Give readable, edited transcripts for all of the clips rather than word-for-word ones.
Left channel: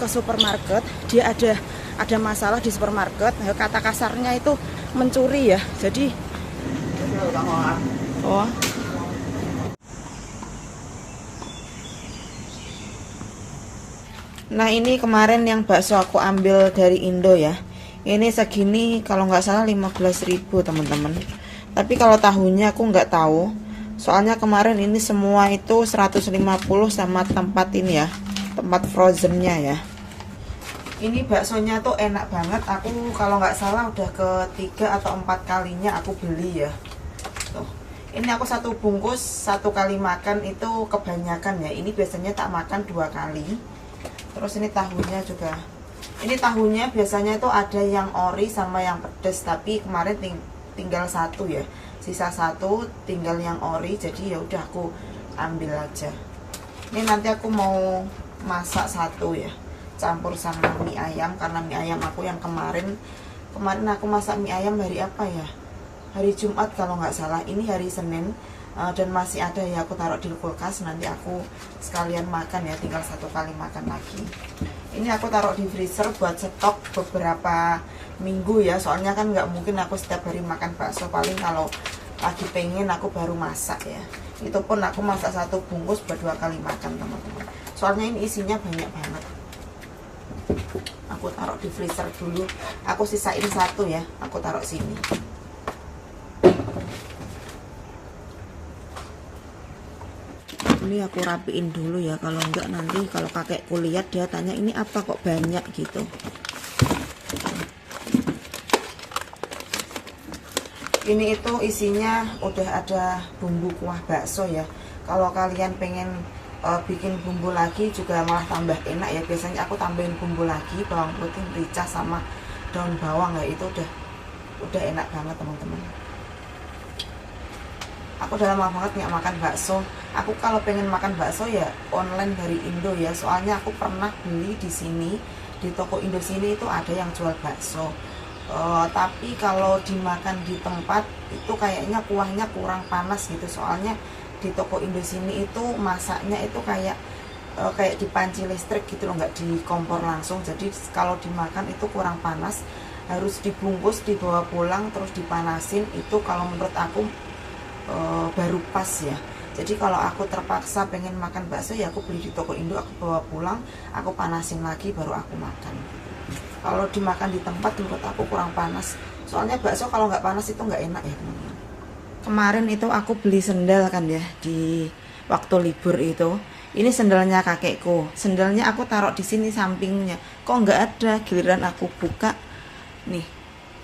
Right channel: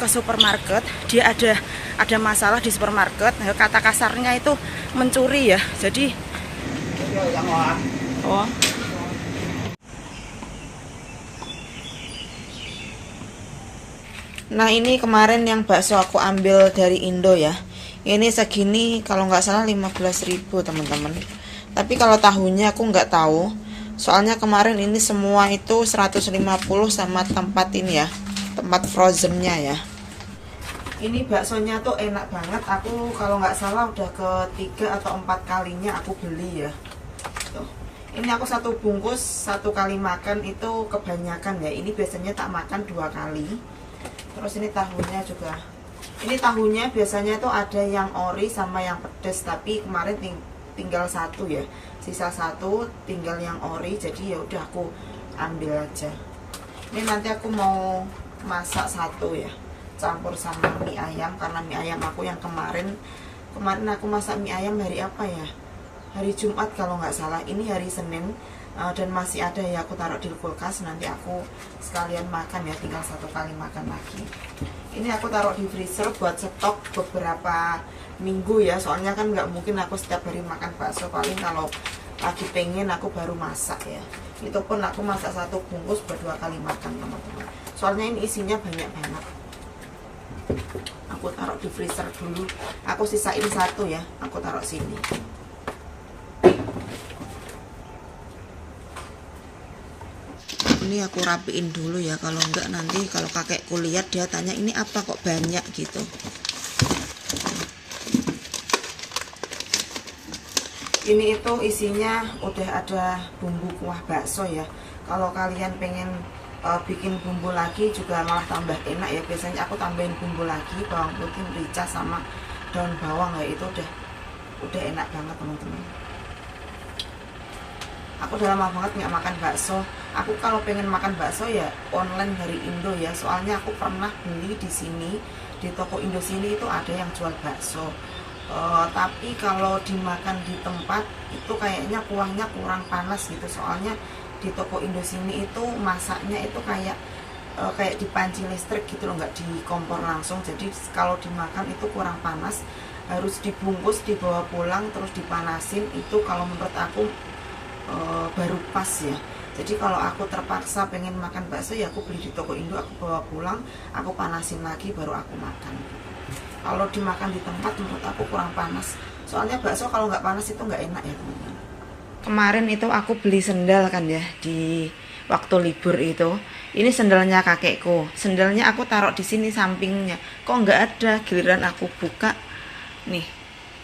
ke supermarket, dia ada masalah di supermarket. Kata kasarnya itu mencuri ya. Jadi oh. Nah ini kemarin yang bakso aku ambil dari Indo ya. Ini segini kalau nggak salah 15.000 teman-teman. Tapi kalau tahunya aku nggak tahu. Soalnya kemarin ini semua itu 150 sama tempat ini ya. Tempat frozennya ya. Ini baksonya tuh enak banget. Aku kalau nggak salah udah ketiga atau 4 kalinya aku beli ya. Tuh. Ini aku satu bungkus 1 kali makan itu kebanyakan ya. Ini biasanya tak makan 2 kali. Terus ini tahunya juga. Ini tahunya biasanya itu ada yang ori sama yang pedes, tapi kemarin tinggal 1 ya. Sisa 1 tinggal yang ori, jadi ya udah aku ambil aja. Ini nanti aku mau masak 1 ya. Campur sama mie ayam karena mie ayam aku yang kemarin aku masak mie ayam hari apa ya? Hari Jumat kalau nggak salah. Ini hari Senin. Dan masih ada ya, aku taruh di kulkas, nanti aku sekalian makan ya, tinggal 1 kali makan lagi. Ini aku taruh di freezer buat stok beberapa minggu ya, soalnya kan nggak mungkin aku setiap hari makan bakso, paling kalau lagi pengen aku baru masak ya. Itu pun aku masak 1 bungkus buat 2 kali makan teman-teman, soalnya ini isinya banyak banget. Aku taruh di freezer dulu, aku sisain 1 ya, aku taruh sini. Ini aku rapiin dulu ya, kalau enggak nanti kalau kakekku lihat dia tanya ini apa kok banyak gitu. Ini itu isinya udah ada bumbu kuah bakso ya. Kalau kalian pengen bikin bumbu lagi juga malah tambah enak ya. Biasanya aku tambahin bumbu lagi, bawang putih, merica sama daun bawang ya, itu udah enak banget teman-teman. Aku udah lama banget nggak makan bakso. Aku kalau pengen makan bakso ya online dari Indo ya. Soalnya aku pernah beli di sini, di toko Indo sini itu ada yang jual bakso. Tapi kalau dimakan di tempat itu kayaknya kuahnya kurang panas gitu. Soalnya di toko Indo sini itu masaknya itu kayak di panci listrik gitu loh, nggak di kompor langsung. Jadi kalau dimakan itu kurang panas. Harus dibungkus, dibawa pulang, terus dipanasin. Itu kalau menurut aku baru pas ya. Jadi kalau aku terpaksa pengen makan bakso ya aku beli di toko Indo, aku bawa pulang, aku panasin lagi baru aku makan. Kalau dimakan di tempat menurut aku kurang panas, soalnya bakso kalau nggak panas itu nggak enak ya teman-teman. Kemarin itu aku beli sendal kan ya di waktu libur itu. Ini sendalnya kakekku, sendalnya aku taruh di sini sampingnya, kok nggak ada. Giliran aku buka nih,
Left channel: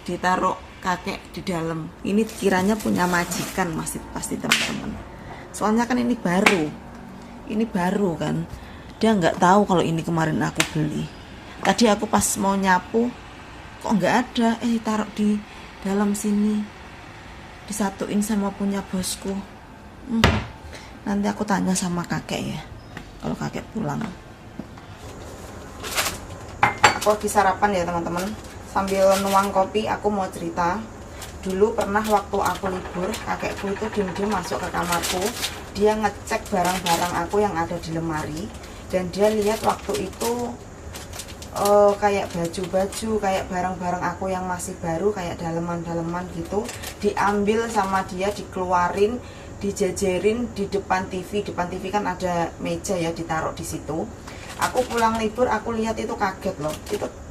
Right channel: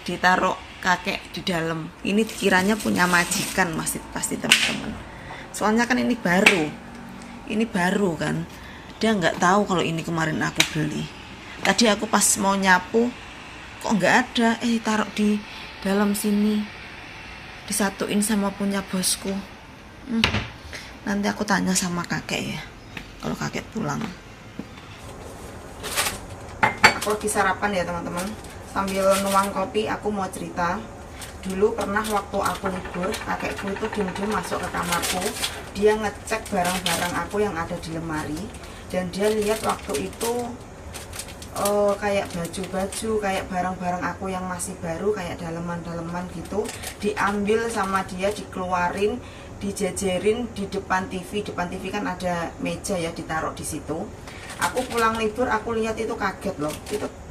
ditaruh kakek di dalam. Ini kiranya punya majikan pasti teman-teman. Soalnya kan ini baru kan. Dia nggak tahu kalau ini kemarin aku beli. Tadi aku pas mau nyapu kok nggak ada. Taruh di dalam sini, disatuin sama punya bosku. Nanti aku tanya sama kakek ya, kalau kakek pulang. Aku lagi sarapan ya teman-teman. Sambil nuang kopi, aku mau cerita. Dulu pernah waktu aku libur, kakekku itu diam-diam masuk ke kamarku. Dia ngecek barang-barang aku yang ada di lemari. Dan dia lihat waktu itu kayak baju-baju, kayak barang-barang aku yang masih baru, kayak daleman-daleman gitu, diambil sama dia, dikeluarin, dijejerin di depan TV. Depan TV kan ada meja ya, ditaruh di situ. Aku pulang libur, aku lihat itu kaget loh.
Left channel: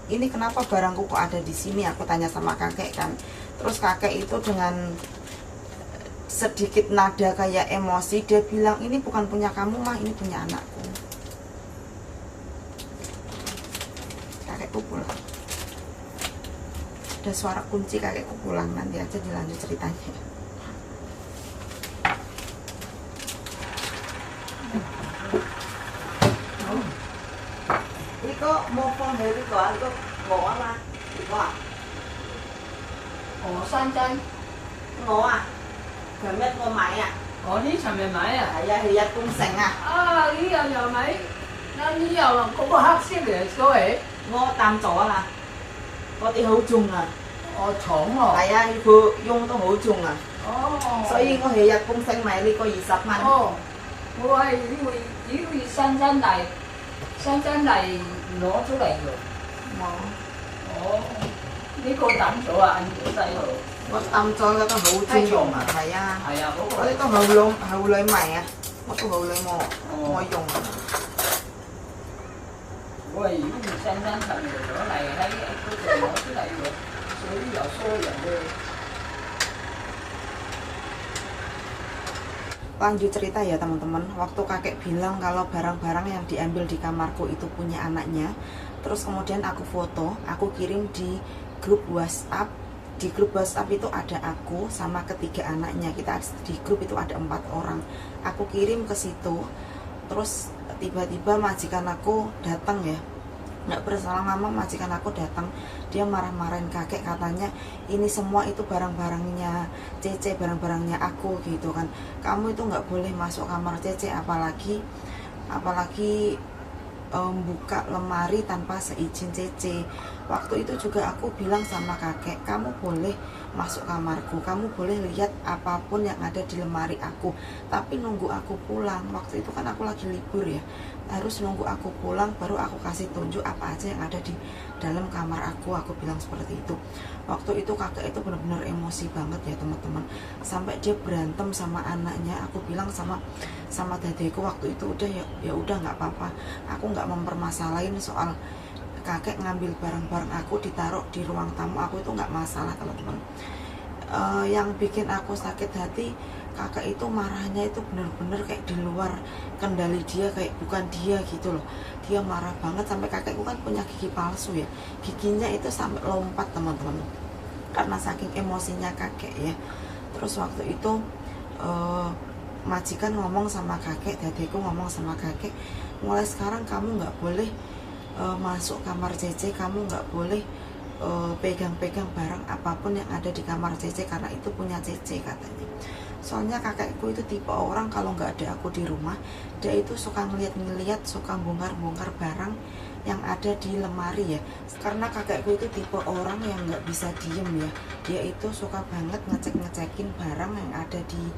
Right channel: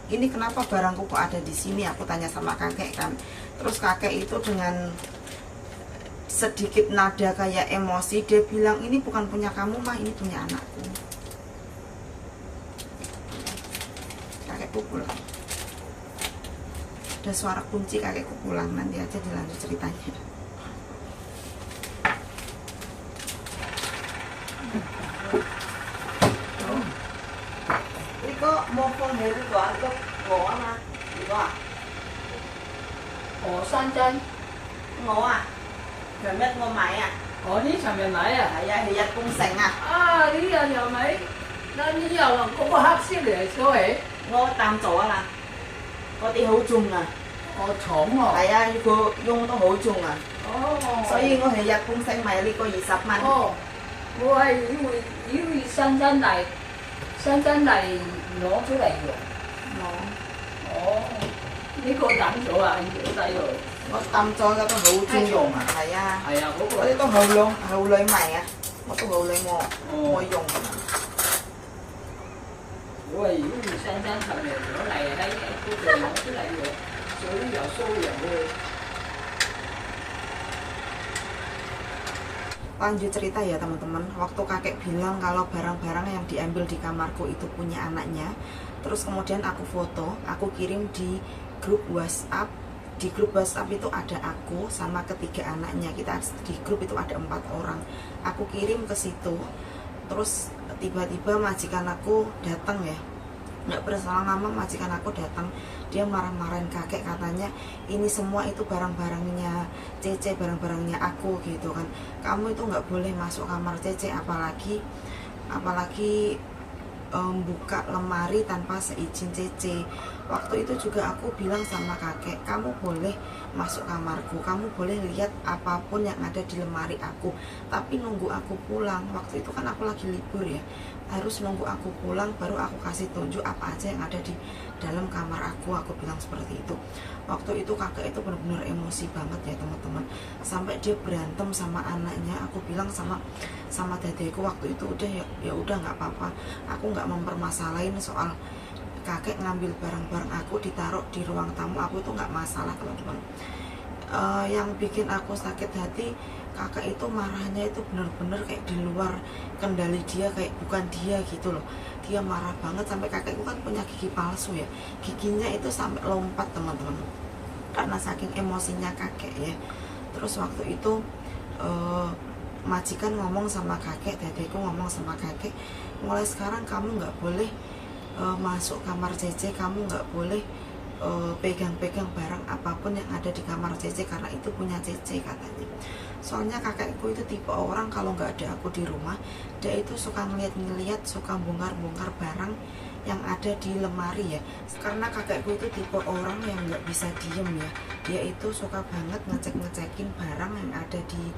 Ini kenapa barangku kok ada di sini? Aku tanya sama kakek kan. Terus kakek itu dengan sedikit nada kayak emosi, dia bilang ini bukan punya kamu mah, ini punya anakku. Kakekku pulang. Ada suara kunci, kakekku pulang. Nanti aja dilanjut ceritanya. Mua phong hệ cái gọi có ngộ mà ngộ à? Ngộ san chân. Ngộ à? Trời đất ngộ mày à? Ngộ tí sầm về mày à? Thì ra cũng sành à? Lý do giờ mày nó lý do là không có hấp xíu để số hệ. Ngộ tam chỗ à? Có tí hữu chung à? Trộn rồi. Tại ra cứ dùng có hữu chung à? Sở dĩ có hệ ra cũng sành mày đi có gì sắp mạnh. Mua hay vì san chân này. San chân này 攞出嚟用。 Mau. 哦，呢個抌咗啊，小細路。 Một tầm cho nó có hậu chuyên dùng hả thầy à? 係啊，嗰 Có 個 cái có hậu luôn, hậu lấy mày à? Một cái hậu lấy mò, mò dùng. 喂，如果唔新新十年攞嚟喺嗰度攞出嚟用，水又疏人喎。 Lanjut cerita ya teman-teman. Waktu kakek bilang kalau barang-barang yang diambil di kamarku itu punya anaknya, terus kemudian aku foto, aku kirim di grup WhatsApp. Di grup WhatsApp itu ada aku sama ketiga anaknya. Kita di grup itu ada 4 orang. Aku kirim ke situ. Terus tiba-tiba majikan aku datang ya. Nggak berselang lama majikan aku datang, dia marah-marahin kakek, katanya ini semua itu barang-barangnya Cece, barang-barangnya aku gitu kan. Kamu itu nggak boleh masuk kamar Cece, apalagi buka lemari tanpa seizin Cece. Waktu itu juga aku bilang sama kakek, kamu boleh masuk kamarku, kamu boleh lihat apapun yang ada di lemari aku, tapi nunggu aku pulang. Waktu itu kan aku lagi libur ya, harus nunggu aku pulang baru aku kasih tunjuk apa aja yang ada di dalam kamar aku bilang seperti itu. Waktu itu kakek itu benar-benar emosi banget ya teman-teman, sampai dia berantem sama anaknya. Aku bilang sama dadeku waktu itu, udah ya udah nggak apa-apa, aku nggak mempermasalahin soal kakek ngambil barang-barang aku ditaruh di ruang tamu, aku itu nggak masalah teman-teman. Yang bikin aku sakit hati, kakak itu marahnya itu bener-bener kayak di luar kendali dia, kayak bukan dia gitu loh. Dia marah banget sampai kakekku kan punya gigi palsu ya, giginya itu sampai lompat teman-teman, karena saking emosinya kakek ya. Terus waktu itu majikan ngomong sama kakek, dadeku ngomong sama kakek, mulai sekarang kamu nggak boleh masuk kamar Cece, kamu nggak boleh pegang-pegang barang apapun yang ada di kamar Cece karena itu punya Cece katanya. Soalnya kakekku itu tipe orang kalau nggak ada aku di rumah, dia itu suka ngeliat-ngeliat, suka bongkar-bongkar barang yang ada di lemari ya. Karena kakekku itu tipe orang yang nggak bisa diem ya, dia itu suka banget ngecek-ngecekin barang yang ada di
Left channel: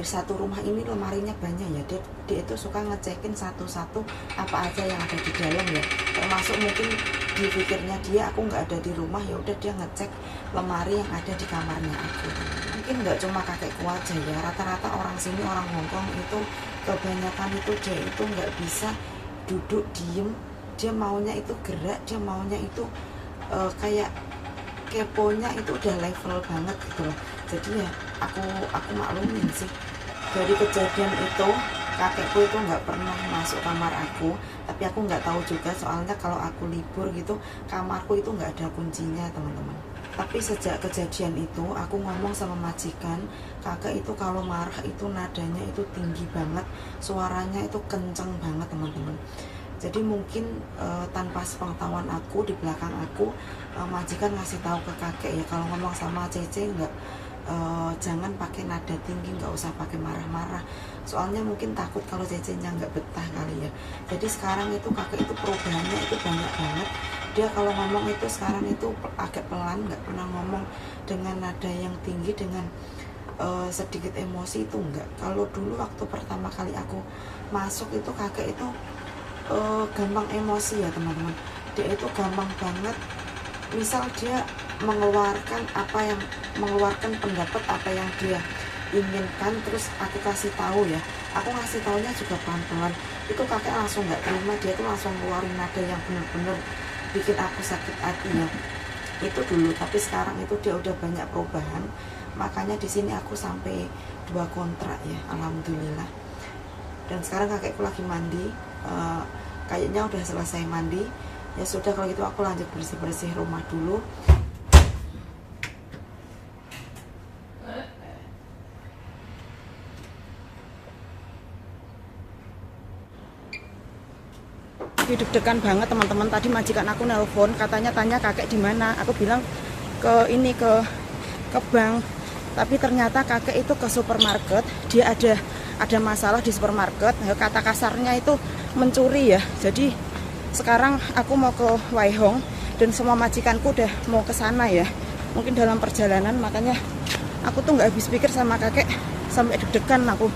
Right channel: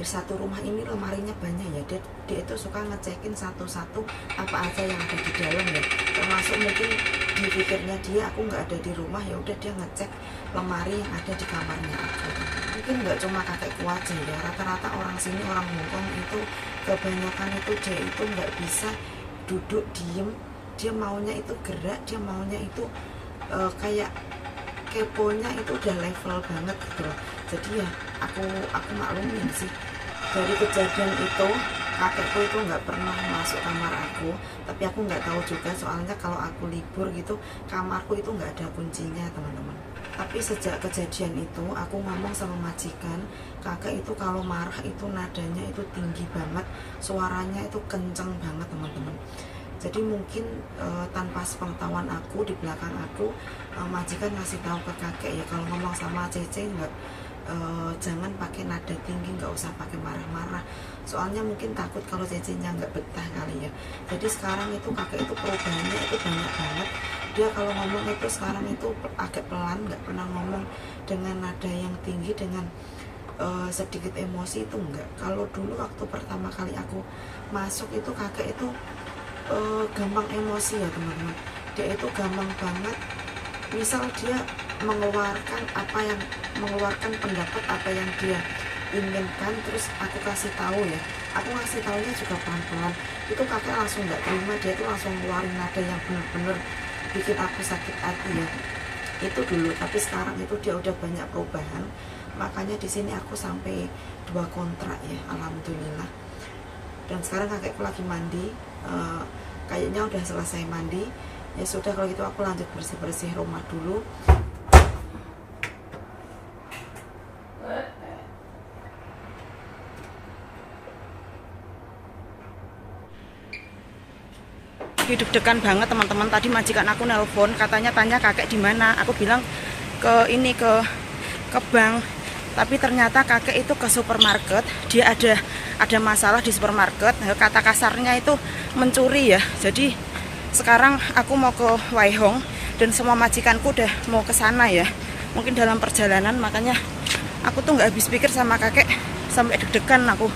satu rumah ini. Lemarinya banyak ya, dia itu suka ngecekin satu-satu apa aja yang ada di dalam ya, termasuk mungkin di pikirnya dia aku nggak ada di rumah, ya udah dia ngecek lemari yang ada di kamarnya aku. Mungkin nggak cuma kakekku aja ya, rata-rata orang sini, orang Hongkong itu kebanyakan itu dia itu nggak bisa duduk diem, dia maunya itu gerak, dia maunya itu kayak keponya itu udah level banget gitu loh. Jadi ya aku maklumin sih. Dari kejadian itu kakekku itu nggak pernah masuk kamar aku, tapi aku nggak tahu juga soalnya kalau aku libur gitu kamarku itu nggak ada kuncinya teman-teman. Tapi sejak kejadian itu aku ngomong sama majikan, kakek itu kalau marah itu nadanya itu tinggi banget, suaranya itu kenceng banget teman-teman. Jadi mungkin tanpa sepengetahuan aku, di belakang aku majikan ngasih tahu ke kakek ya, kalau ngomong sama Cece nggak jangan pakai nada tinggi, nggak usah pakai marah-marah, soalnya mungkin takut kalau Cece-nya nggak betah kali ya. Jadi sekarang itu kakek itu perubahannya itu banyak banget. Dia kalau ngomong itu sekarang itu agak pelan, nggak pernah ngomong dengan nada yang tinggi, dengan sedikit emosi itu enggak. Kalau dulu waktu pertama kali aku masuk itu kakek itu gampang emosi ya teman-teman. Dia itu gampang banget, misal dia mengeluarkan pendapat apa yang dia inginkan, terus aku kasih tahu ya, aku ngasih taunya juga pelan-pelan, itu kakek langsung nggak terima, dia tuh langsung ngeluarin nada yang bener-bener bikin aku sakit hati ya. Itu dulu, tapi sekarang itu dia udah banyak perubahan, makanya di sini aku sampai 2 kontrak ya, alhamdulillah. Dan sekarang kakekku lagi mandi, kayaknya udah selesai mandi. Ya sudah, kalau gitu aku lanjut bersih-bersih rumah dulu. Deg-degan banget teman-teman. Tadi majikan aku nelpon, katanya tanya kakek di mana. Aku bilang ke bank. Tapi ternyata kakek itu ke supermarket. Dia ada masalah di supermarket. Kata kasarnya itu mencuri ya. Jadi sekarang aku mau ke Waihong dan semua majikanku udah mau ke sana ya. Mungkin dalam perjalanan, makanya aku tuh nggak habis pikir sama kakek, sampai deg-degan aku.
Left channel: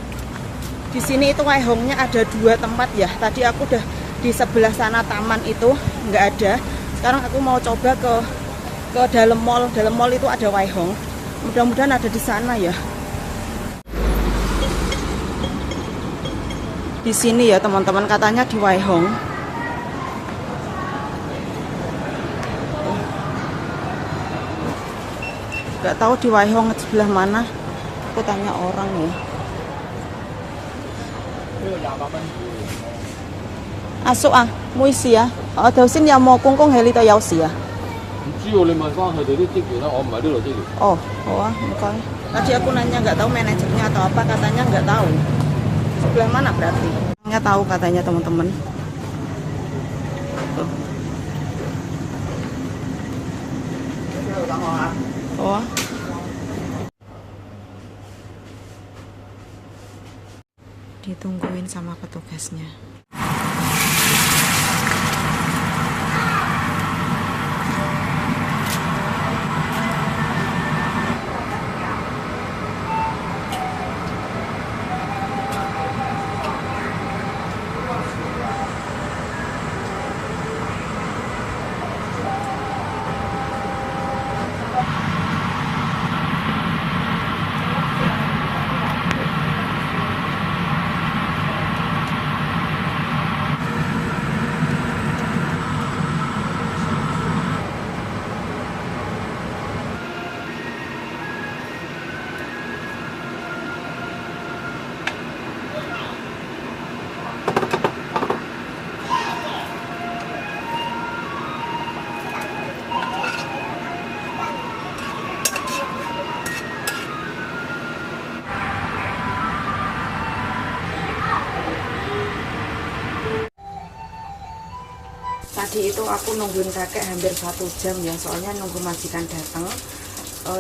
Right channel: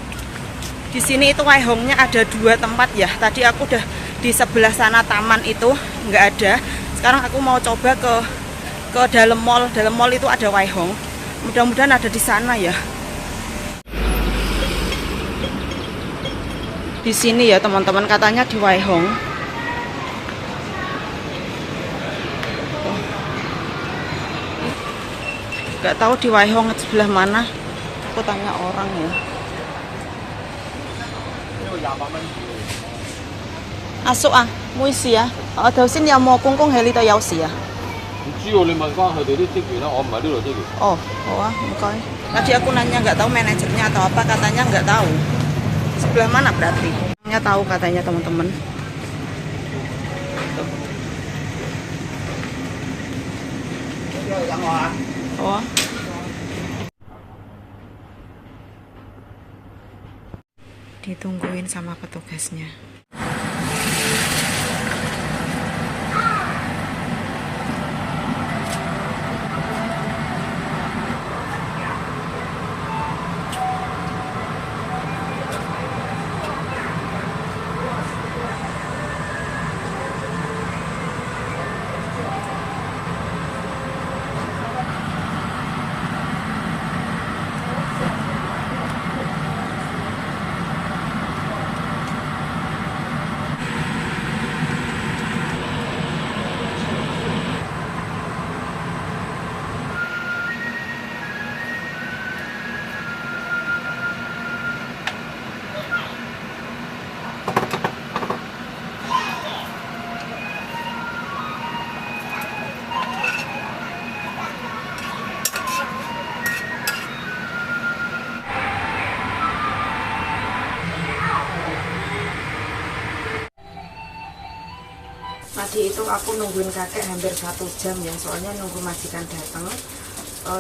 Di sini itu Waihongnya ada 2 tempat ya. Tadi aku udah di sebelah sana taman itu, nggak ada. Sekarang aku mau coba ke dalam mall. Dalam mall itu ada Waihong. Mudah-mudahan ada di sana ya. Di sini ya teman-teman, katanya di Waihong. Nggak tahu di Waihong sebelah mana. Aku tanya orang ya. Asuk ah,唔好意思啊，我頭先有冇公共喺呢度有事啊？唔知喎，你問翻佢哋啲職員啦，我唔係呢度職員。 Oh, oh ah, bukan. Tadi aku nanya nggak tahu manajernya atau apa, katanya nggak tahu. Sebelah mana berarti? Nggak tahu katanya teman-teman. Tuh. Oh. Ditungguin sama petugasnya. Tadi itu aku nungguin kakek hampir 1 jam ya, soalnya nunggu majikan datang.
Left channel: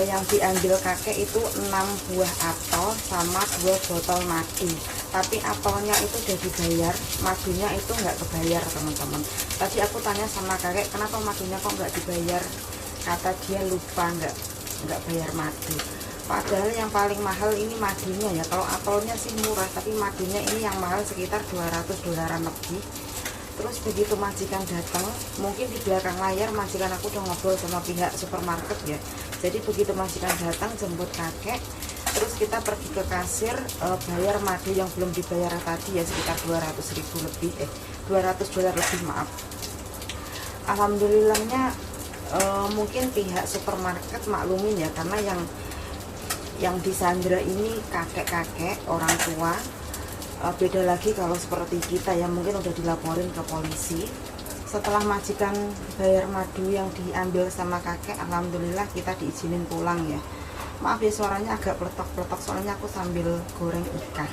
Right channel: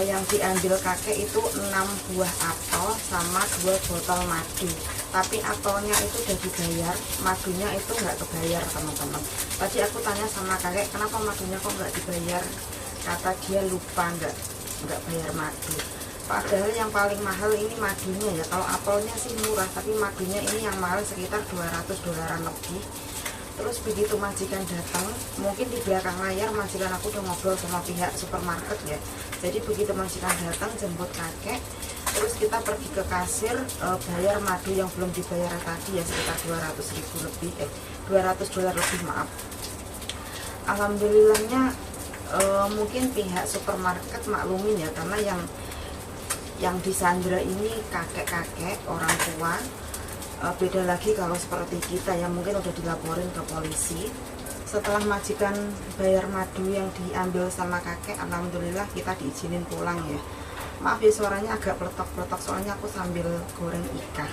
Yang diambil kakek itu 6 buah apel sama 2 botol madu. Tapi apelnya itu udah dibayar, madunya itu nggak kebayar teman-teman. Tadi aku tanya sama kakek, kenapa madunya kok nggak dibayar? Kata dia lupa nggak bayar madu. Padahal yang paling mahal ini madunya ya. Kalau apelnya sih murah, tapi madunya ini yang mahal sekitar $200 lebih. Terus begitu majikan datang, mungkin di belakang layar majikan aku udah ngobrol sama pihak supermarket ya. Jadi begitu majikan datang jemput kakek, terus kita pergi ke kasir, bayar madu yang belum dibayar tadi ya, sekitar $200 lebih, $200 lebih maaf. Alhamdulillahnya mungkin pihak supermarket maklumin ya, karena yang disandra ini kakek-kakek orang tua. Beda lagi kalau seperti kita ya, mungkin udah dilaporin ke polisi. Setelah majikan bayar madu yang diambil sama kakek, alhamdulillah kita diizinin pulang ya. Maaf ya suaranya agak peletok-peletok, soalnya aku sambil goreng ikan.